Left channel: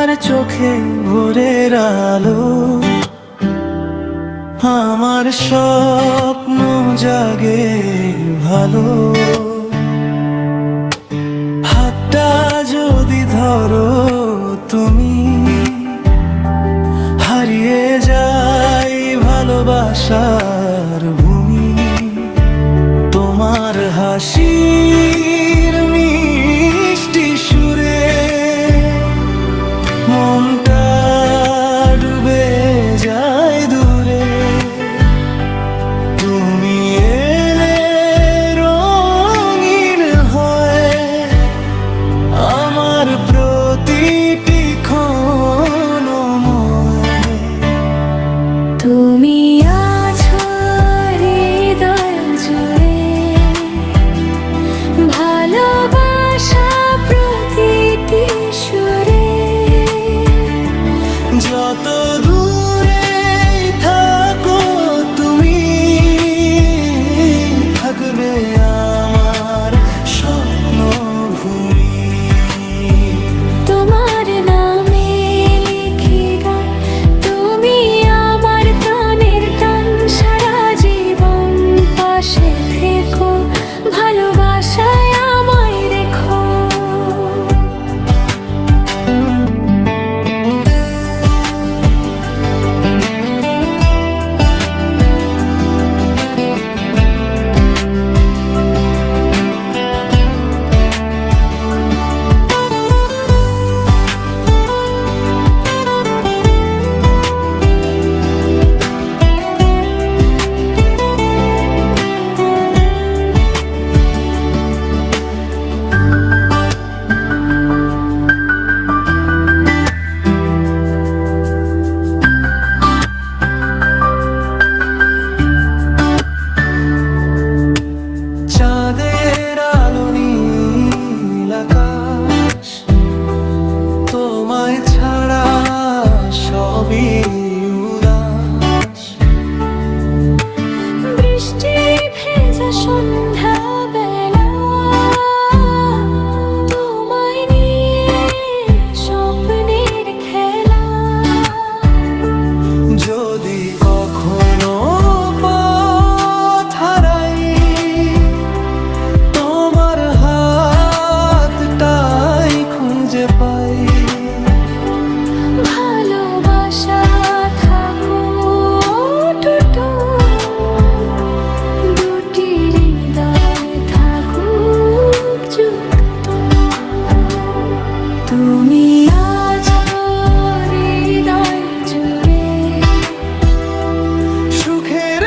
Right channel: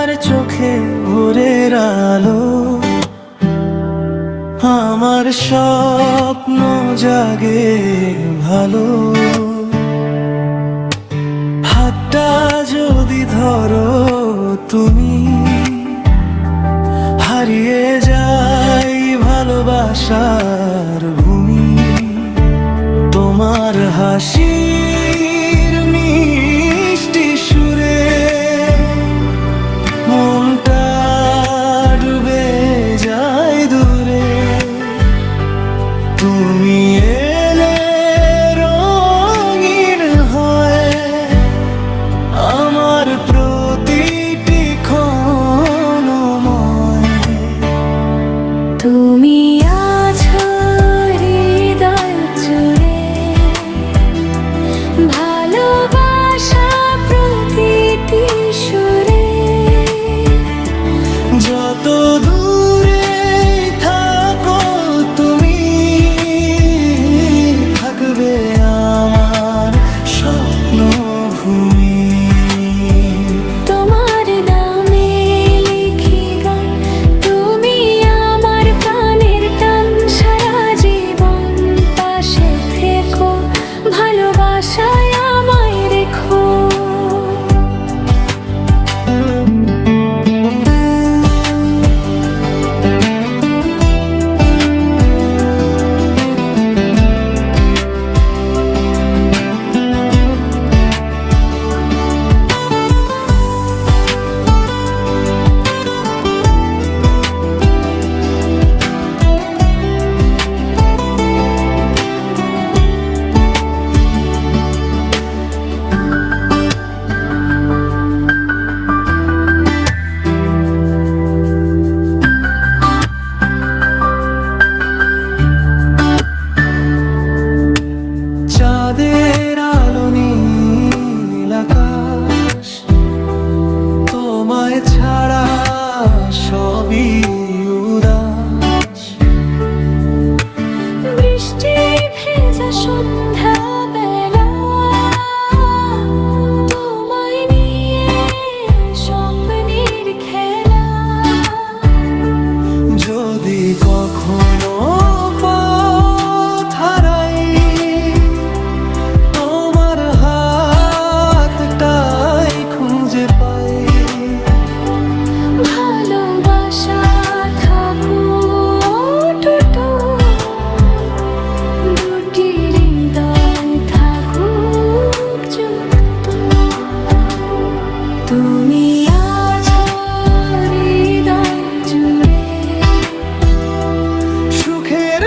তোমার চোখে ভোরের আলো, আমার স্বপ্ন জাগে ভালো। হাতটা যদি ধরো তুমি, হারিয়ে যাই ভালোবাসার ভূমি। তোমার হাসির মিষ্টি সুরে মনটা ডুবে যায় দূরে। তুমি এলে রঙিন হয় আমার প্রতিটি ক্ষণময়। তুমি আছো হৃদয় জুড়ে, ভালোবাসা প্রতিটি সুরে। যত দূরে থাকো তুমি, থাকবে আমার স্বপ্ন ভূমি। তোমার নামে লিখি গান, তুমি আমার প্রাণের টান। সারা জীবন পাশে থেকো, ভালোবাসায় আমায় রেখো। চাঁদের আলো নীল আকাশ, তোমায় ছাড়া সবই উদাস। বৃষ্টি ভেজা সন্ধ্যা বেলা, তোমায় নিয়ে স্বপ্নের খেলা। যদি কখনো পথ হারাই, তোমার হাতটাই খুঁজে পাই। ভালোবাসা থাকুক অটুট, দুটি হৃদয় থাকুক যুক্ত। তুমি আছো হৃদয় জুড়ে, সুখের